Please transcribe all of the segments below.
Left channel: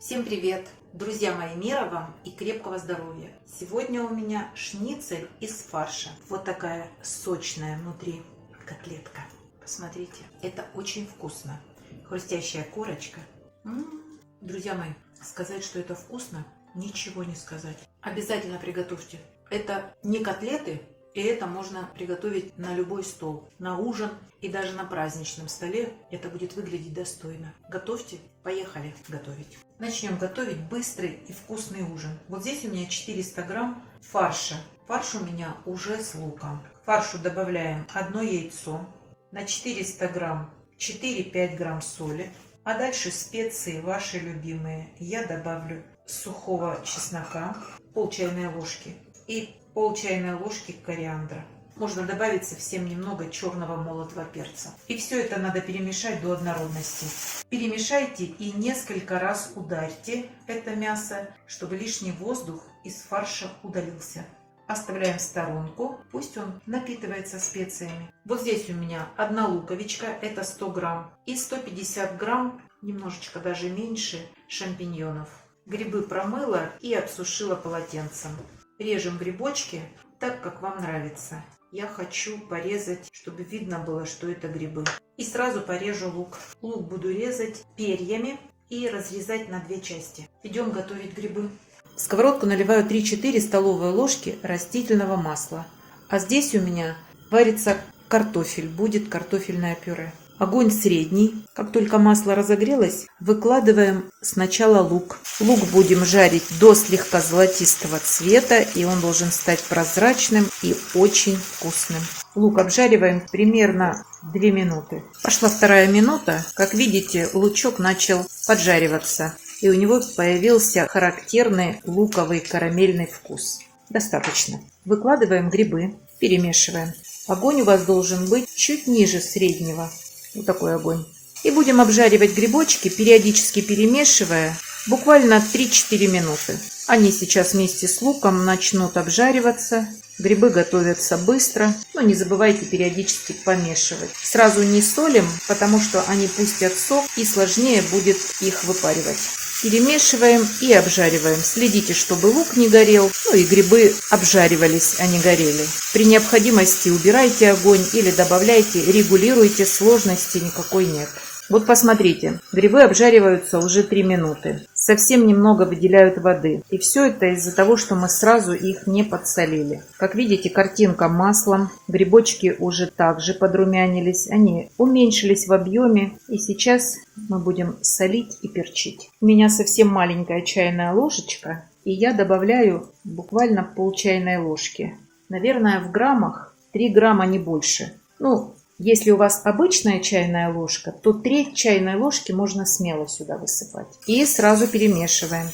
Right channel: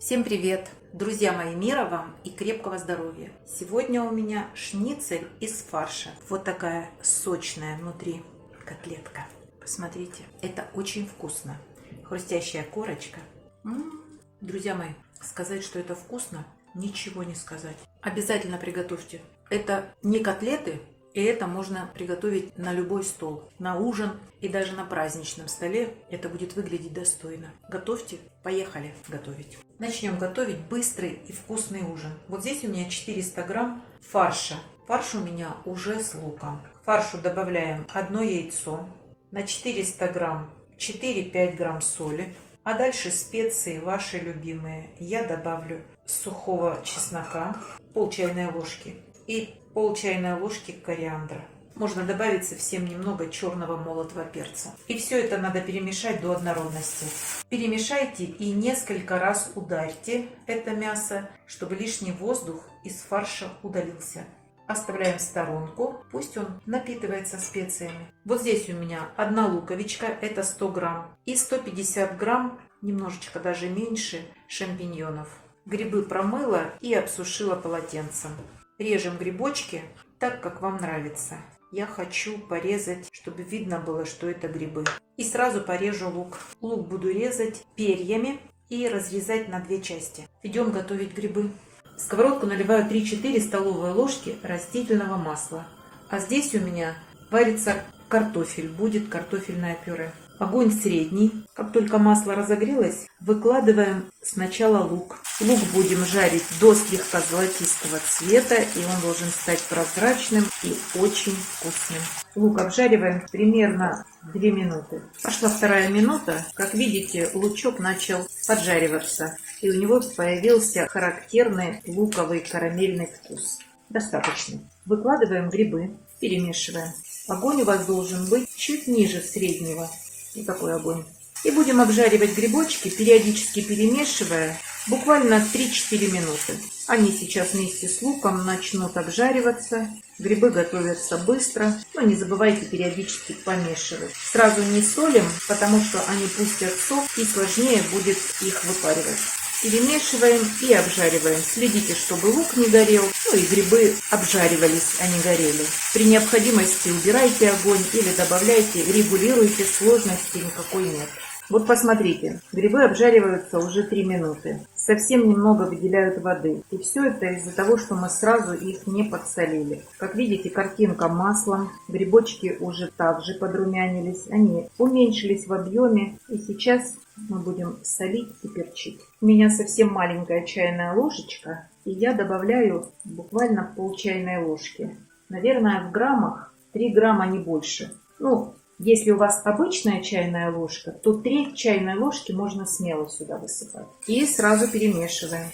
Всем привет! Друзья мои, мира вам и крепкого здоровья! Сегодня у меня шницель из фарша. Вот такая сочная внутри котлетка. Посмотрите, это очень вкусно. Хрустящая корочка. Друзья мои, сказать, что это вкусно, ничего не сказать. Обязательно приготовьте. Это не котлеты, и это можно приготовить на любой стол, на ужин и даже на праздничном столе. Это будет выглядеть достойно. Готовьте, поехали готовить. Начнем готовить быстрый и вкусный ужин. Вот здесь у меня 400 грамм фарша. Фарш у меня уже с луком. К фаршу добавляем 1 яйцо, на 400 грамм 4-5 грамм соли. А дальше специи ваши любимые. Я добавлю сухого чеснока, пол чайной ложки, и пол чайной ложки кориандра. Можно добавить совсем немного черного молотого перца. И все это надо перемешать до однородности. Перемешайте и несколько раз ударьте это мясо, чтобы лишний воздух из фарша удалился. Оставляем в сторонку, пусть он напитывается специями. Вот здесь у меня 1 луковичка, это 100 грамм, и 150 грамм, немножечко даже меньше, шампиньонов. Грибы промыла и обсушила полотенцем. Режем грибочки так, как вам нравится. Я хочу порезать, чтобы видно было, что это грибы. И сразу порежу лук. Лук буду резать перьями и разрезать на 2 части. Идем готовить грибы. В сковородку наливаю 3-4 столовые ложки растительного масла. А здесь у меня варится картофель, будет картофельное пюре. Огонь средний. Как только масло разогрелось, выкладываем сначала лук. Лук будем жарить до слегка золотистого цвета, и он должен стать прозрачным и очень вкусным. Лук обжариваем примерно 2 минуты. Пошла 2-я минута. Как видите, лучок начал поджариваться, и у него появился характерный луковый карамельный вкус. Достаточно. Выкладываем грибы, перемешиваем. Огонь у вас должен быть чуть ниже среднего. Вот такой огонь. И будем обжаривать грибочки, периодически перемешивая, буквально 3-4 минуты. Они сейчас вместе с луком начнут обжариваться. Грибы готовятся быстро, но не забывайте периодически помешивать. Сразу не солим, потому что они пустят сок и сложнее будет их выпаривать. Перемешиваем и обжариваем. Следите, чтобы лук не горел, и грибы обжаривались, а не горели. При необходимости убирайте огонь или добавляйте, регулируйте, сложности никакой нет. Вот посмотрите, грибы обжариваются уже 3 минуты. Совсем немного выделяют воды. И все это из-за того, что мы сразу их не подсолили. Как видите, картинка маслом. Грибочки уже также подрумянились. Они уменьшились в объеме. И сейчас мы будем солить и перчить. У меня совсем маленькая чайная ложечка. И я добавляю буквально пол чайной ложки. Наверное, в граммах 3 грамма, не больше. Если у вас обычная чайная ложка, то 1/3 чайной ложки можно смело сюда высыпать. И сразу перемешиваем.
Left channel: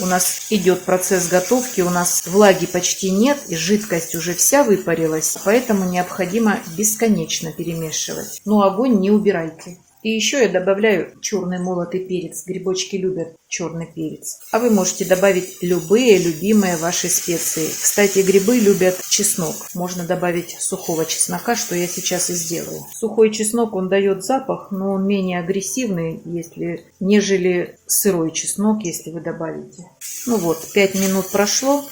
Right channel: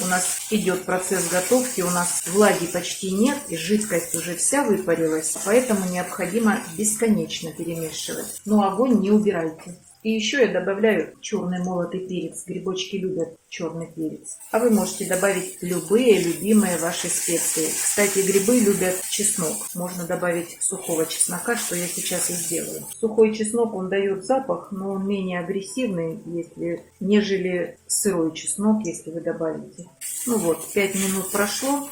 У нас идет процесс готовки, у нас влаги почти нет, и жидкость уже вся выпарилась, поэтому необходимо бесконечно перемешивать. Но огонь не убирайте. И еще я добавляю черный молотый перец. Грибочки любят черный перец. А вы можете добавить любые любимые ваши специи. Кстати, грибы любят чеснок. Можно добавить сухого чеснока, что я сейчас и сделаю. Сухой чеснок, он дает запах, но он менее агрессивный, нежели сырой чеснок, если вы добавите. 5 минут прошло.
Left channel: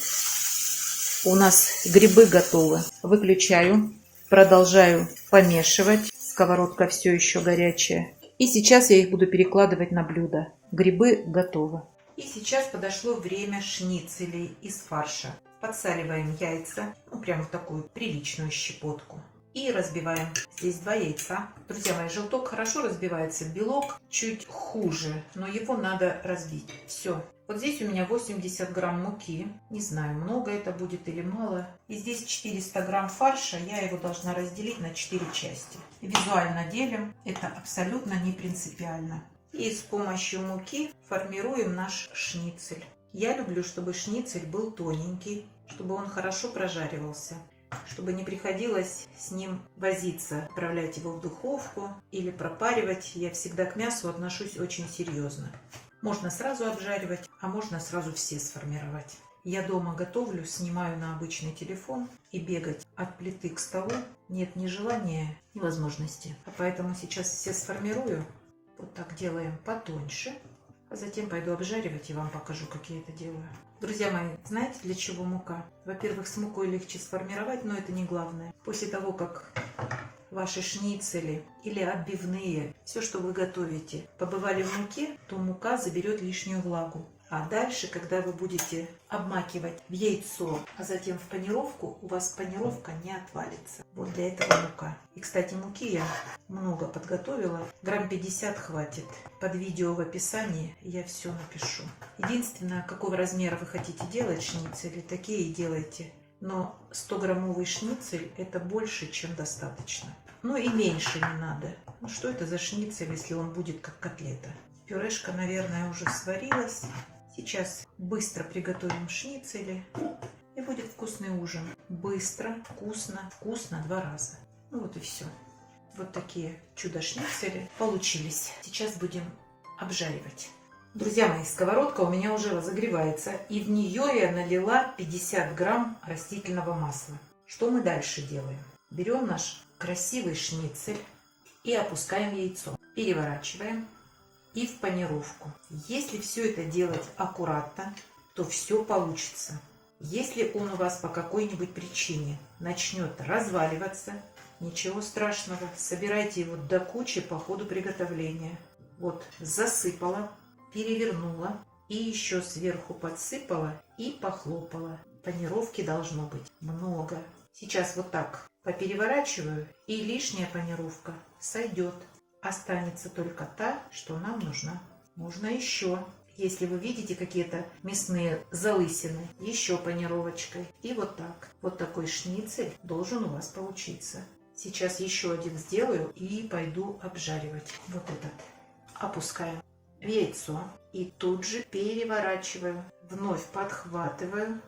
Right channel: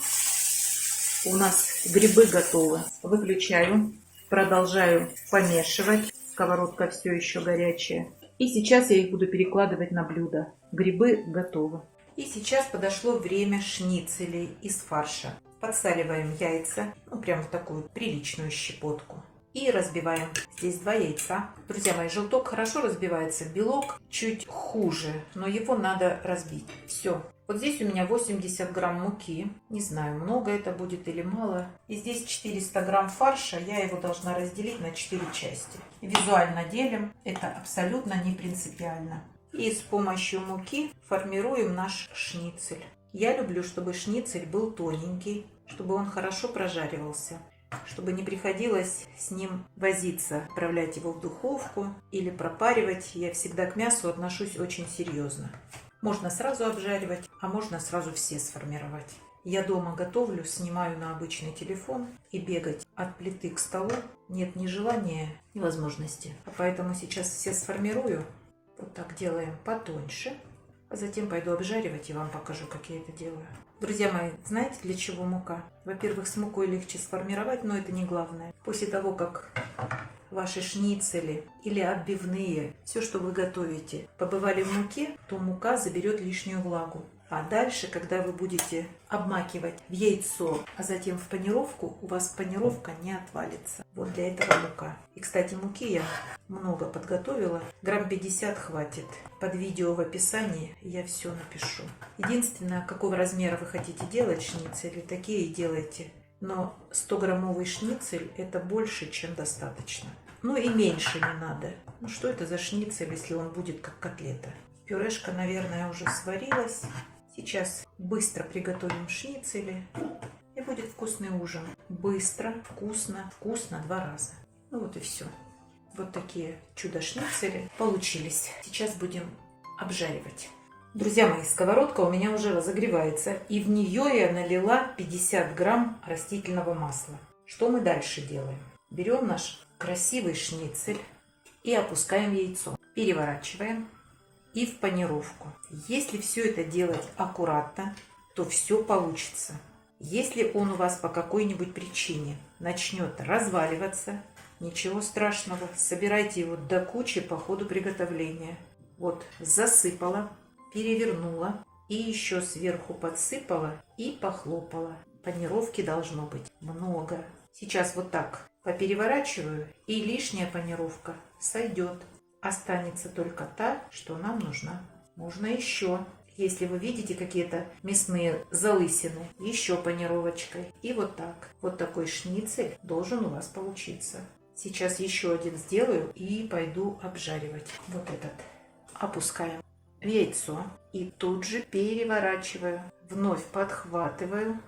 У нас грибы готовы. Выключаю. Продолжаю помешивать. Сковородка все еще горячая. И сейчас я их буду перекладывать на блюдо. Грибы готовы. И сейчас подошло время шницелей из фарша. Подсаливаем яйца, прям в такую приличную щепотку. И разбиваем. Здесь 2 яйца. Друзья мои, желток хорошо разбивается, белок чуть хуже, но его надо разбить. Все. Вот здесь у меня 80 грамм муки. Не знаю, много это будет или мало. И здесь 400 грамм фарша. Я его должна разделить на 4 части. Визуально делим. Это абсолютно не принципиально. И с помощью муки формируем наш шницель. Я люблю, чтобы шницель был тоненький, чтобы он хорошо прожаривался, чтобы не приходилось с ним возиться, отправлять его в духовку или пропаривать. Я всегда к мясу отношусь очень серьезно. Можно сразу обжаривать, а можно сразу все сформировать. Я дома готовлю, снимаю на обычный телефон, и бегать от плиты к столу нет ни желания, ни возможности. Поэтому сейчас все сформирую. Вот так делаем потоньше. А затем пойду обжаривать и вам покажу, как я это делаю. Друзья мои, знаете, для чего мука? Во-первых, с мукой легче сформировать, но это не главное. После того, как ваши шницели или отбивные, все, что вы готовите, побывали в муке, то мука заберет лишнюю влагу. А дальше, когда вы будете обмакивать в яйцо, а затем в панировку, у вас панировка не отвалится. Вот для этого мука. И, кстати, муки я много подготовила. Грамм 50 хватит. Под видео в описании я все напишу. Единственное, какого размера вы хотите делать шницели, такие и делайте. Но 100-граммовый шницель это больше, чем достаточно. Ну и меньше не надо. Ну что это за шницель, если он будет как котлета? Пюрешка, наверное, уже сварилась. Сейчас быстро приготовим шницели. И будет вкусный ужин. Быстро, вкусно, вкусно 2 раза. Ну вот и все. Вот такие чудо-шницели получились. Сейчас будем обжаривать. Друзья мои, сковородка у меня уже разогревается. И в нее я налила 50 грамм растительного масла. Что мы дальше делаем? Берем наш красивый шницель и опускаем яйцо. Переворачиваем. И в панировку. Если все это делать аккуратно, то все получится. Если он у вас по какой-нибудь причине начнет разваливаться, ничего страшного, собирайте его до кучи по ходу приготовления. Вот засыпала, перевернула и еще сверху подсыпала и похлопала. Панировки должно быть много. Сейчас вот так попереворачиваю, и лишняя панировка сойдет. Останется только та, что нам нужна. Можно еще. Если вы видите какие-то мясные залысины, еще панировочкой. И вот так. Вот такой шницель должен у вас получиться. Сейчас еще один сделаю и пойду обжаривать. Вот этот. Опускаем в яйцо. И тут же переворачиваю. Вновь подхватываю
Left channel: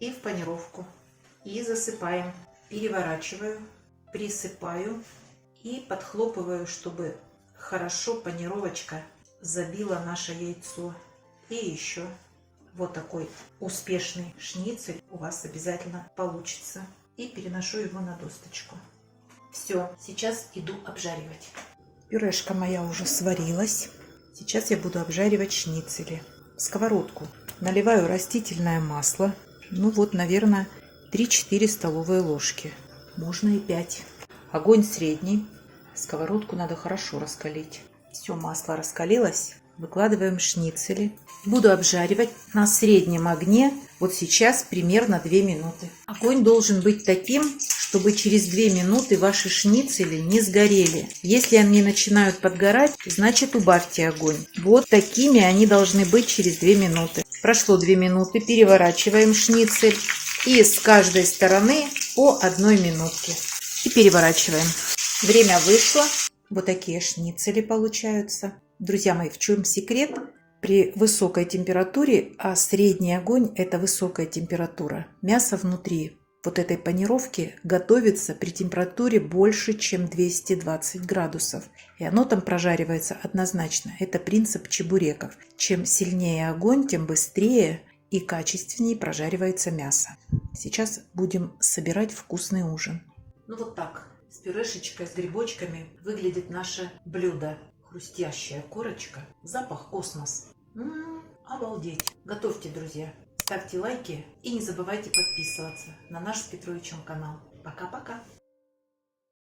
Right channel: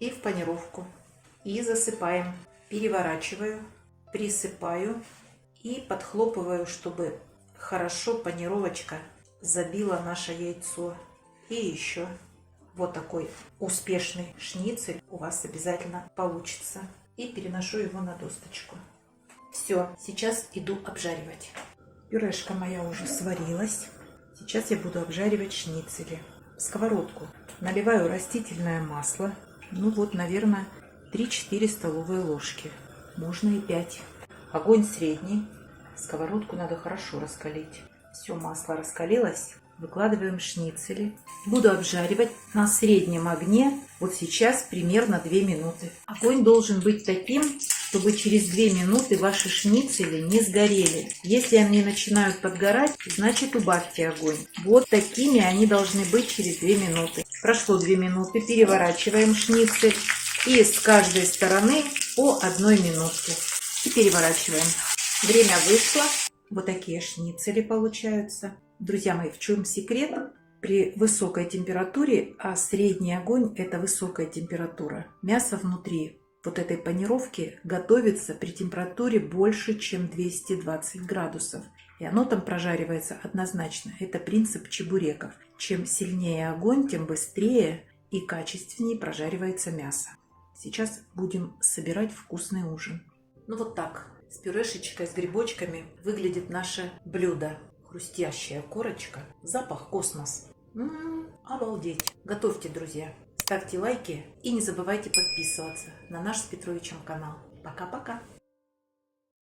и в панировку. И засыпаем. Переворачиваю, присыпаю. И подхлопываю, чтобы хорошо панировочка забила наше яйцо. И еще вот такой успешный шницель у вас обязательно получится. И переношу его на досточку. Все, сейчас иду обжаривать. Пюрешка моя уже сварилась. Сейчас я буду обжаривать шницели. В сковородку наливаю растительное масло. Ну вот, наверное, 3-4 столовые ложки. Можно и 5. Огонь средний. Сковородку надо хорошо раскалить. Все, масло раскалилось. Выкладываем шницели. Буду обжаривать на среднем огне. Вот сейчас примерно 2 минуты. Огонь должен быть таким, чтобы через 2 минуты ваши шницели не сгорели. Если они начинают подгорать, значит убавьте огонь. Вот такими они должны быть через 2 минуты. Прошло 2 минуты. Переворачиваем шницель. И с каждой стороны по 1 минутке. И переворачиваем. Время вышло. Вот такие шницели получаются. Друзья мои, в чем секрет? При высокой температуре, а средний огонь – это высокая температура, мясо внутри вот этой панировки готовится при температуре больше, чем 220 градусов. И оно там прожаривается однозначно. Это принцип чебуреков. Чем сильнее огонь, тем быстрее и качественнее прожаривается мясо. Сейчас будем собирать вкусный ужин. Ну вот так. С пюрешечкой, с грибочками выглядит наше блюдо. Хрустящая корочка, запах космос. Обалдеть. Готовьте, друзья. Ставьте лайки и не забывайте подписываться на наш с Петровичем канал. Пока-пока.